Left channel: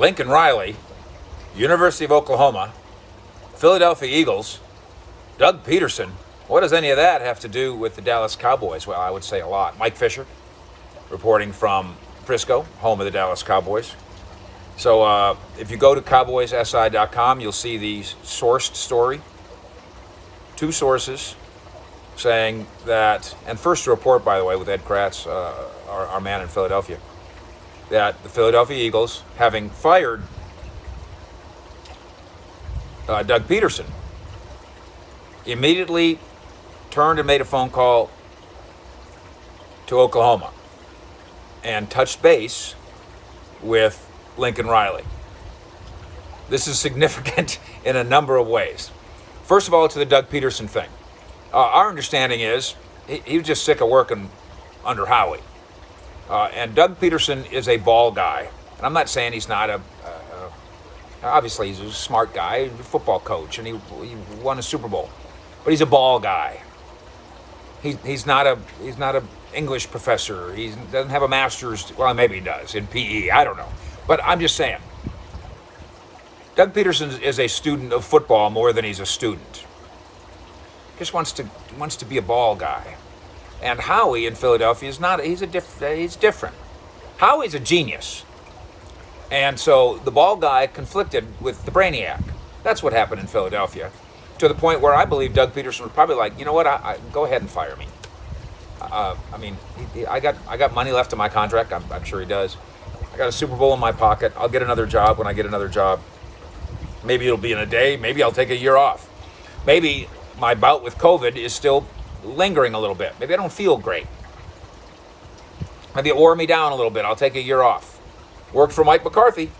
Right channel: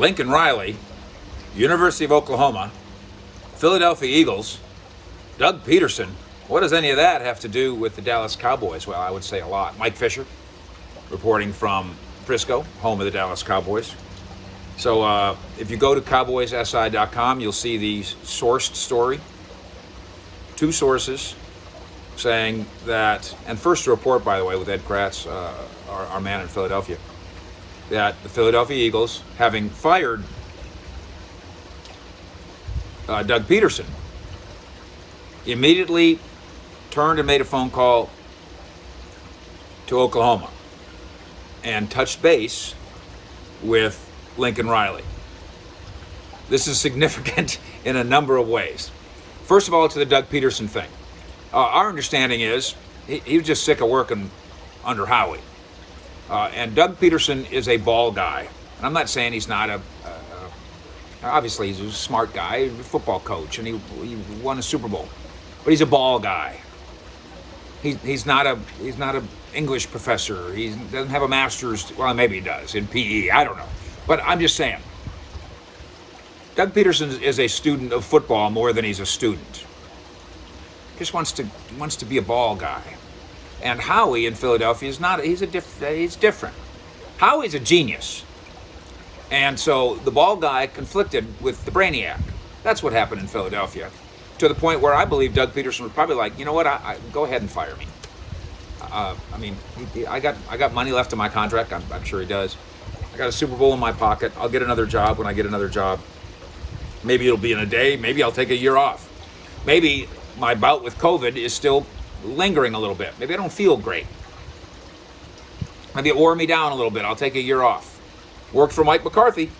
Lincoln Riley, University of Oklahoma, Philadelphia Eagles, Doug Pederson. What does any of that have to do with the Dallas Cowboys? Well, I would say a lot. Mike Fisher, reporting from Frisco, home of the Dallas Cowboys. So if you go to cowboyssi.com, you'll see the sourced story. Two sources saying that, and first report, by the way, with Ed Kratz, our man in Philadelphia, that the Philadelphia Eagles, having fired Doug Pederson, immediately turned and made a phone call to Oklahoma and touched base with Lincoln Riley. This is significant in a number of ways. First of all, to the Doug Pederson thing. Our understanding is he was just sick of working under Howie. And Doug Pederson is a ball guy. And I'm not saying he's not obviously he's a smart guy, a football coach, and he won a Super Bowl. But he's a ball guy. He's not a English professor. He doesn't have a master's. Well, maybe he does in PE. I don't know. But I'm just saying, Doug Pederson is a student of football more than he's a student. Just wants to be a ball guy. And Howie in Philadelphia is not. He's different. Howie's a genius. And so the ball guy conflicted with the brainiac. That's what happened in Philadelphia, to the point where I believe Doug Pederson was probably like, you know what, I go ahead and fire me. I mean, I got money left in my contract. I'm sure he does. I got a Super Bowl in my pocket. I'll get another job when I get another job. Maybe it'll be in a day. Maybe I'll take a year off. Maybe my bout with COVID is still lingering a little bit. Maybe I don't feel great. Maybe it wore me down a little bit. I'll take a year off. Worked for Mike McCarthy,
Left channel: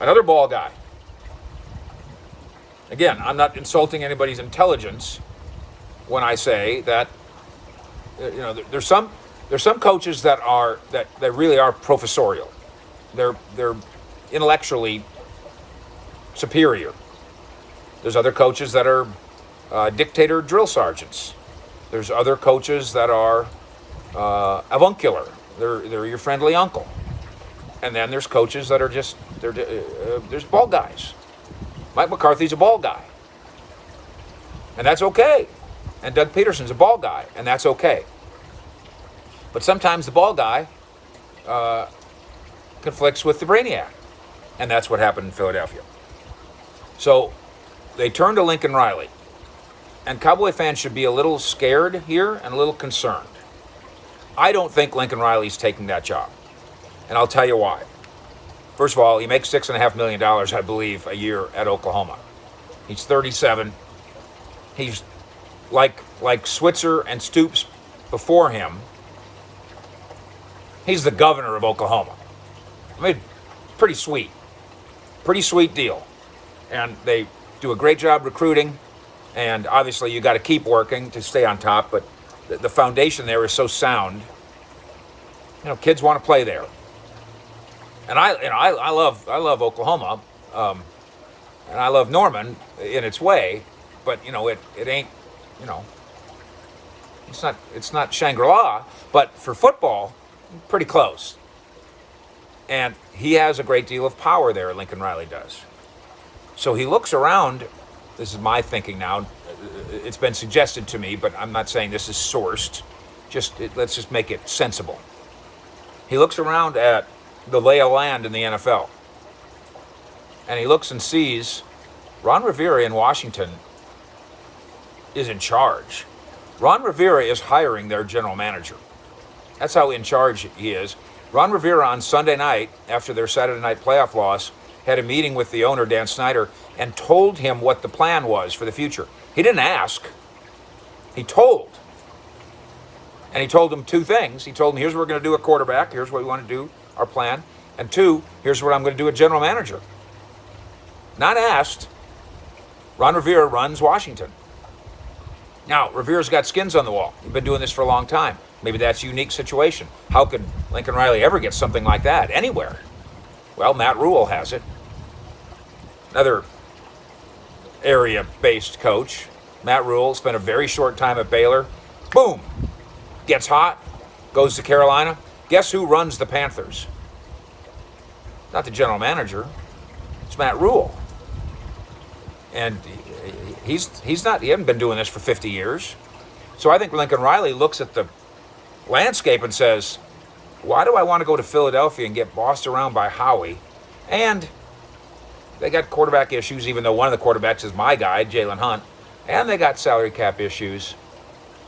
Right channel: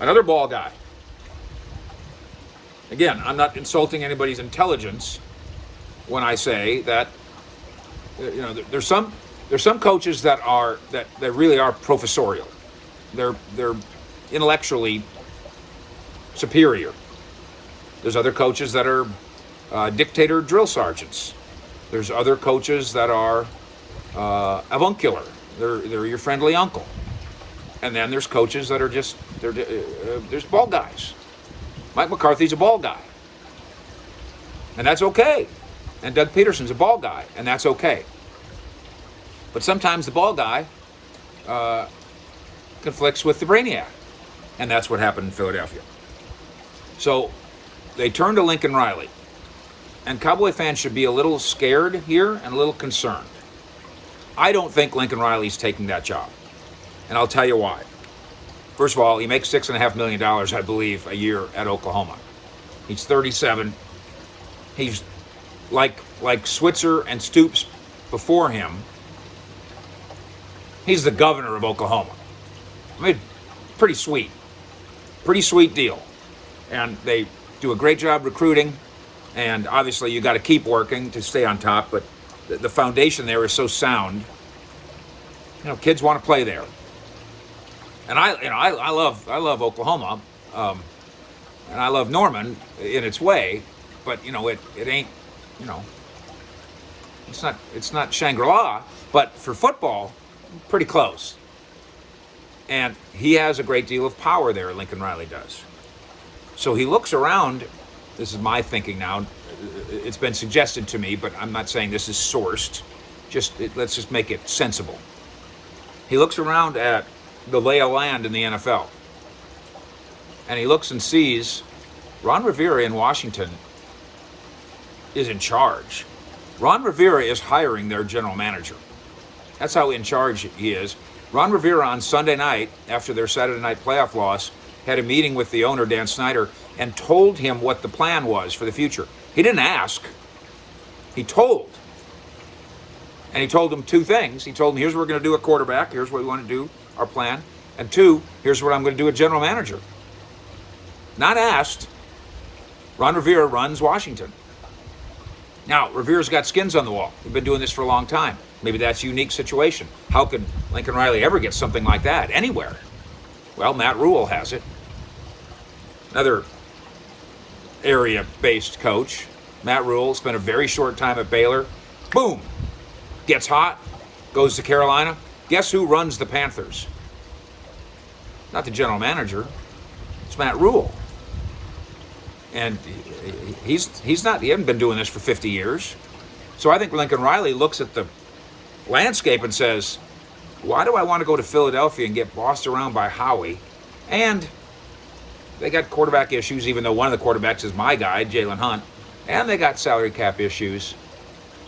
another ball guy. Again, I'm not insulting anybody's intelligence when I say that there's some coaches that really are professorial. They're intellectually superior. There's other coaches that are dictator drill sergeants. There's other coaches that are avuncular. They're your friendly uncle. And then there's coaches that are there's ball guys. Mike McCarthy's a ball guy. And that's okay. And Doug Pederson's a ball guy, and that's okay. But sometimes the ball guy conflicts with the brainiac. And that's what happened in Philadelphia. So they turned to Lincoln Riley. And Cowboy fans should be a little scared here and a little concerned. I don't think Lincoln Riley's taking that job. And I'll tell you why. First of all, he makes $6.5 million, I believe, a year at Oklahoma. He's 37. He's like Switzer and Stoops before him. He's the governor of Oklahoma. I mean, pretty sweet. Pretty sweet deal. And they do a great job recruiting. And obviously, you got to keep working to stay on top. But the foundation there is so sound. Kids want to play there. And I love Oklahoma, and I love Norman in its way, but it ain't, it's not Shangri-La, but for football, pretty close. And he has a great deal of power there, Lincoln Riley does. So he looks around. This is my thinking now. It's been suggested to me, but I'm not saying this is sourced. Let's just make it sensible. He looks around at the lay of land in the NFL. And he looks and sees Ron Rivera in Washington is in charge. Ron Rivera is hiring their general manager. That's how in charge he is. Ron Rivera on Sunday night, after their Saturday night playoff loss, had a meeting with the owner, Dan Snyder, and told him what the plan was for the future. He didn't ask. He told. And he told him two things. He told him, here's what we're going to do at quarterback. Here's what we want to do, our plan. And two, here's what I'm going to do at general manager. Not asked. Ron Rivera runs Washington. Now, Rivera's got skins on the wall. We've been doing this for a long time. Maybe that's a unique situation. How could Lincoln Riley ever get something like that anywhere? Well, Matt Rule has it. Another area-based coach. Matt Rule spent a very short time at Baylor. Boom! Gets hot. Goes to Carolina. Guess who runs the Panthers? Not the general manager. It's Matt Rule. And he hasn't been doing this for 50 years. So I think Lincoln Riley looks at the landscape and says, why do I want to go to Philadelphia and get bossed around by Howie? And they got quarterback issues, even though one of the quarterbacks is my guy, Jalen Hunt. And they got salary cap issues.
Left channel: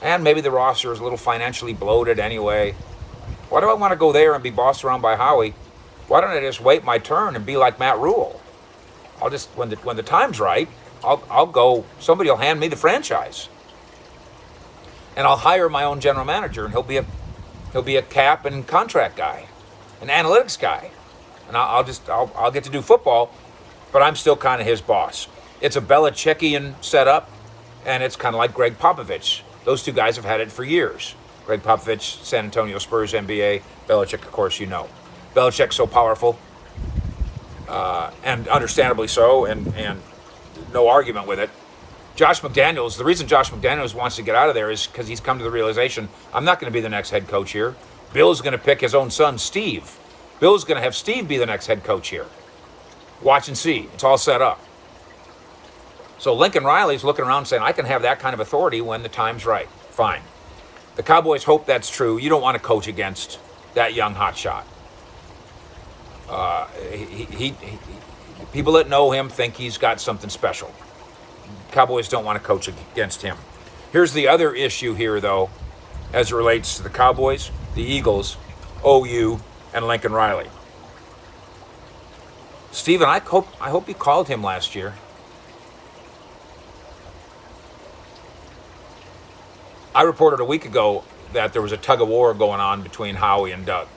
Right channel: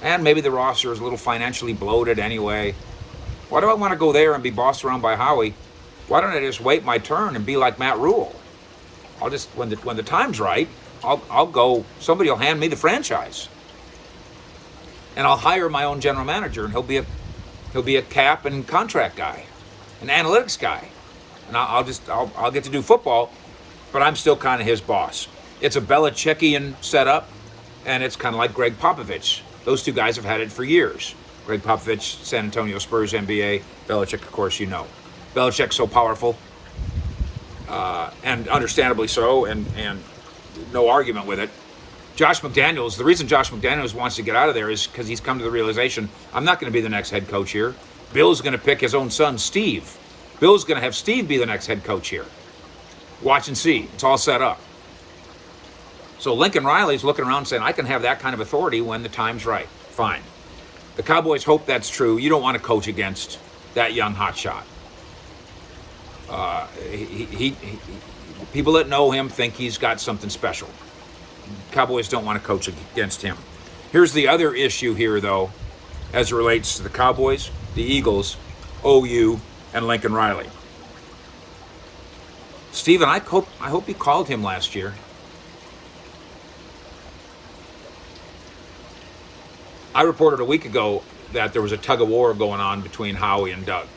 And maybe the roster is a little financially bloated anyway. Why do I want to go there and be bossed around by Howie? Why don't I just wait my turn and be like Matt Rule? I'll just, when the time's right, I'll go, somebody will hand me the franchise. And I'll hire my own general manager, and he'll be a cap and contract guy, an analytics guy. And I'll get to do football, but I'm still kind of his boss. It's a Belichickian setup, and it's kind of like Greg Popovich. Those two guys have had it for years. Greg Popovich, San Antonio Spurs, NBA. Belichick, of course, you know. Belichick's so powerful, and understandably so, and no argument with it. Josh McDaniels, the reason Josh McDaniels wants to get out of there is because he's come to the realization, I'm not going to be the next head coach here. Bill's going to pick his own son, Steve. Bill's going to have Steve be the next head coach here. Watch and see. It's all set up. So Lincoln Riley's looking around saying, I can have that kind of authority when the time's right. Fine. The Cowboys hope that's true. You don't want to coach against that young hotshot. People that know him think he's got something special. Cowboys don't want to coach against him. Here's the other issue here, though, as it relates to the Cowboys, the Eagles, OU, and Lincoln Riley. Steven, I hope you called him last year. I reported a week ago that there was a tug of war going on between Howie and Doug.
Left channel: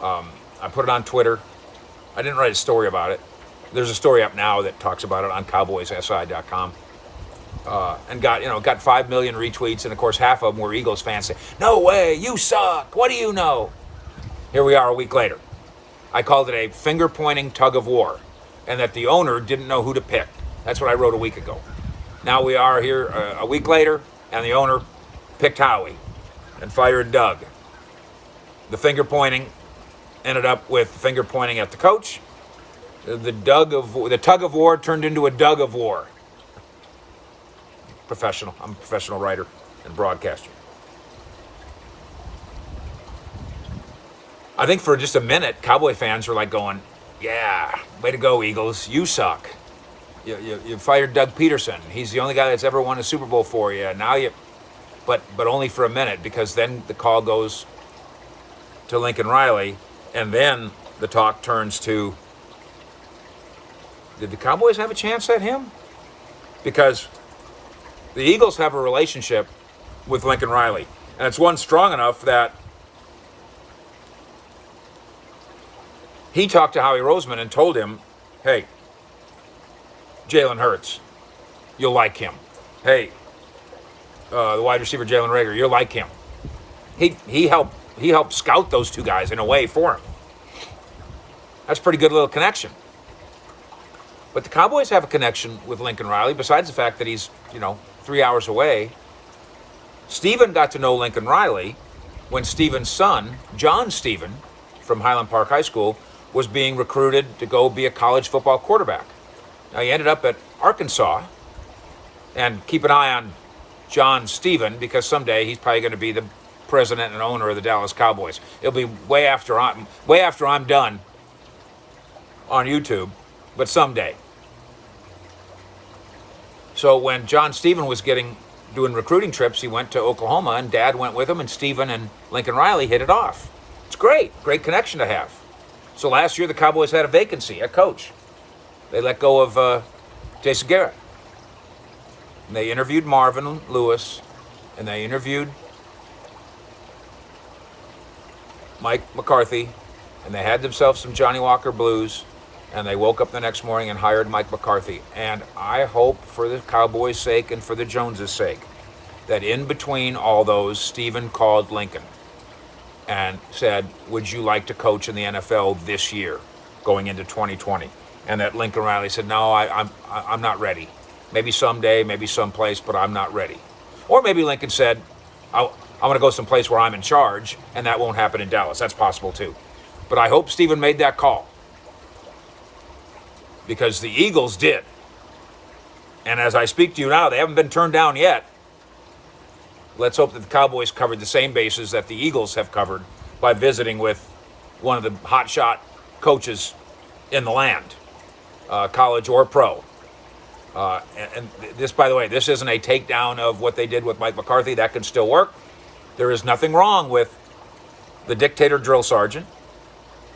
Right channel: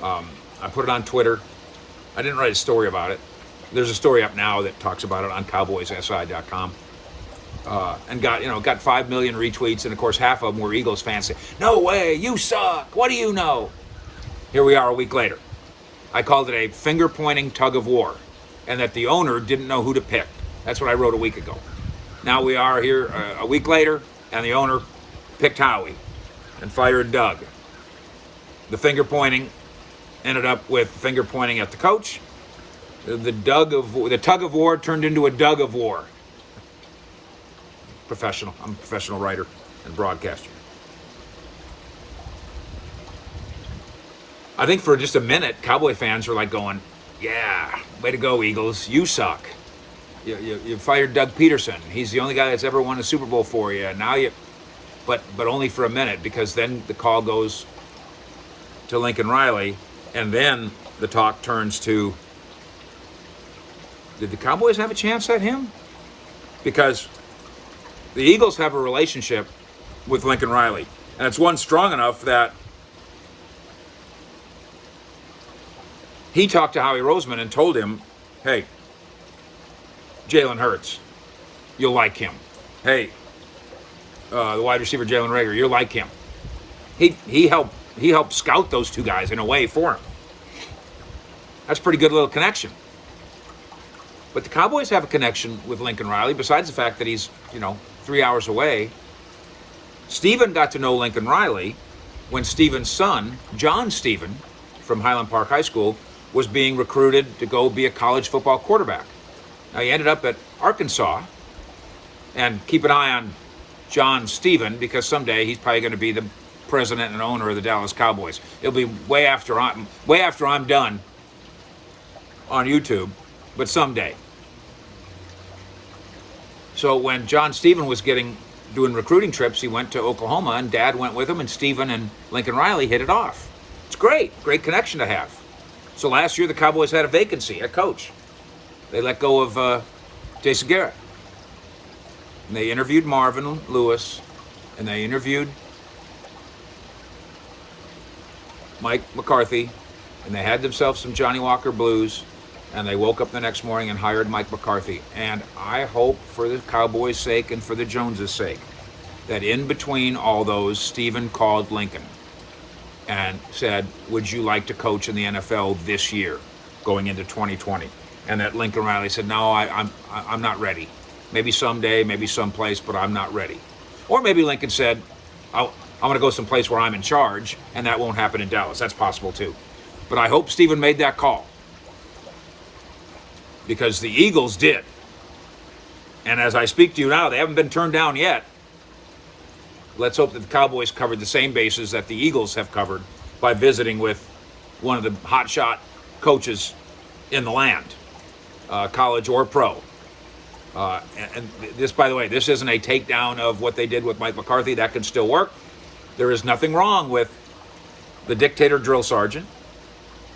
I put it on Twitter. I didn't write a story about it. There's a story up now that talks about it on cowboyssi.com. And got 5 million retweets, and of course half of them were Eagles fans saying, no way, you suck, what do you know? Here we are a week later. I called it a finger-pointing tug of war, and that the owner didn't know who to pick. That's what I wrote a week ago. Now we are here a week later, and the owner picked Howie and fired Doug. The finger-pointing ended up with finger-pointing at the coach. The tug of war turned into a Doug of war. Professional. I'm a professional writer and broadcaster. I think for just a minute, Cowboy fans were like going, yeah, way to go, Eagles. You suck. You fired Doug Pederson. He's the only guy that's ever won a Super Bowl for you. Now but only for a minute, because then the call goes to Lincoln Riley, and then the talk turns to, did the Cowboys have a chance at him? Because the Eagles have a relationship with Lincoln Riley, and it's one strong enough that he talked to Howie Roseman and told him, hey, Jalen Hurts, you'll like him. Hey, the wide receiver Jalen Reagor, you'll like him. He helped scout those two guys in a way for him. That's a pretty good little connection. But the Cowboys have a connection with Lincoln Riley, besides the fact that he's, 3 hours away. Steven got to know Lincoln Riley when Steven's son, John Steven, from Highland Park High School, was being recruited to go be a college football quarterback. Now, he ended up at Arkansas, and keep an eye on John Steven, because someday he's probably going to be the president and owner of the Dallas Cowboys. It'll be way after I'm done on YouTube, but someday. So when John Steven was doing recruiting trips, he went to Oklahoma, and Dad went with him, and Steven and Lincoln Riley hit it off. It's great connection to have. So last year the Cowboys had a vacancy, a coach. They let go of Jason Garrett. And they interviewed Marvin Lewis, and they interviewed Mike McCarthy, and they had themselves some Johnny Walker blues, and they woke up the next morning and hired Mike McCarthy. And I hope, for the Cowboys' sake and for the Joneses' sake, that in between all those, Steven called Lincoln and said, would you like to coach in the NFL this year, going into 2020? And that Lincoln Riley said, no, I'm not ready. Maybe someday, maybe someplace, but I'm not ready. Or maybe Lincoln said, I want to go someplace where I'm in charge, and that won't happen in Dallas. That's possible too. But I hope Steven made that call. because the Eagles did. And as I speak to you now, they haven't been turned down yet. Let's hope that the Cowboys covered the same bases that the Eagles have covered by visiting with one of the hotshot coaches in the land, college or pro. And this, by the way, this isn't a takedown of what they did with Mike McCarthy. That can still work. There is nothing wrong with the dictator drill sergeant,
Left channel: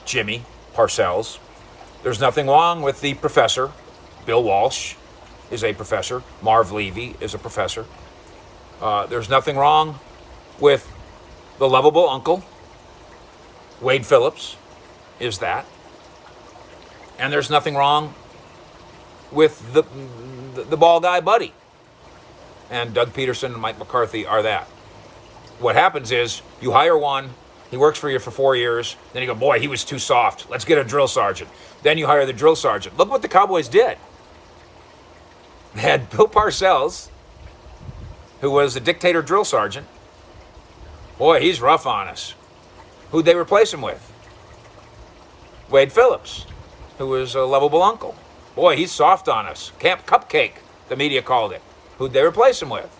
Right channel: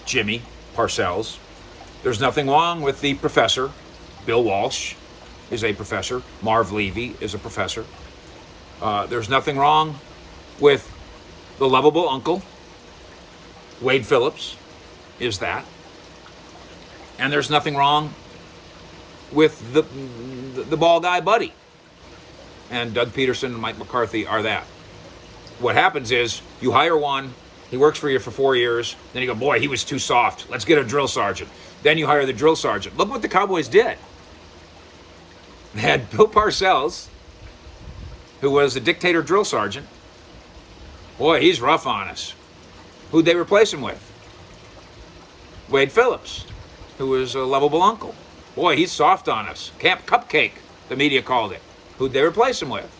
Jimmy Parcells. There's nothing wrong with the professor. Bill Walsh is a professor. Marv Levy is a professor. There's nothing wrong with the lovable uncle. Wade Phillips is that. And there's nothing wrong with the ball guy Buddy. And Doug Pederson and Mike McCarthy are that. What happens is you hire one, he works for you for 4 years, then you go, boy, he was too soft. Let's get a drill sergeant. Then you hire the drill sergeant. Look what the Cowboys did. They had Bill Parcells, who was a dictator drill sergeant. Boy, he's rough on us. Who'd they replace him with? Wade Phillips, who was a lovable uncle. Boy, he's soft on us. Camp Cupcake, the media called it. Who'd they replace him with?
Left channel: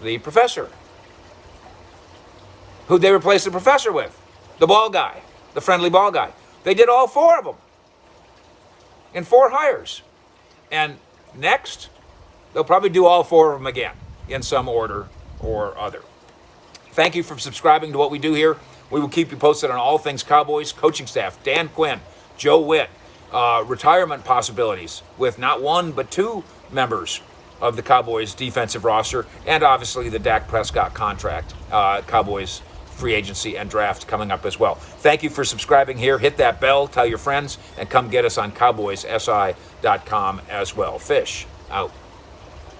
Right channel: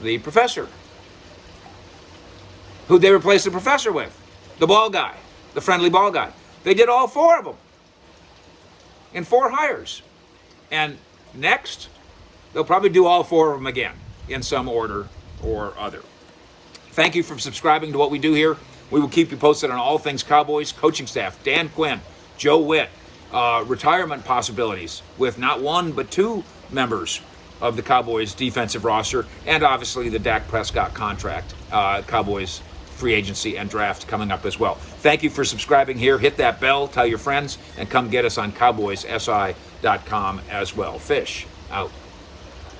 The professor. Who'd they replace the professor with? The ball guy, the friendly ball guy. They did all 4 of them in 4 hires. And next, they'll probably do all 4 of them again in some order or other. Thank you for subscribing to what we do here. We will keep you posted on all things Cowboys, coaching staff, Dan Quinn, Joe Witt, retirement possibilities with not 1 but 2 members of the Cowboys defensive roster, and obviously the Dak Prescott contract, Cowboys free agency and draft coming up as well. Thank you for subscribing here. Hit that bell, tell your friends, and come get us on CowboysSI.com as well. Fish out.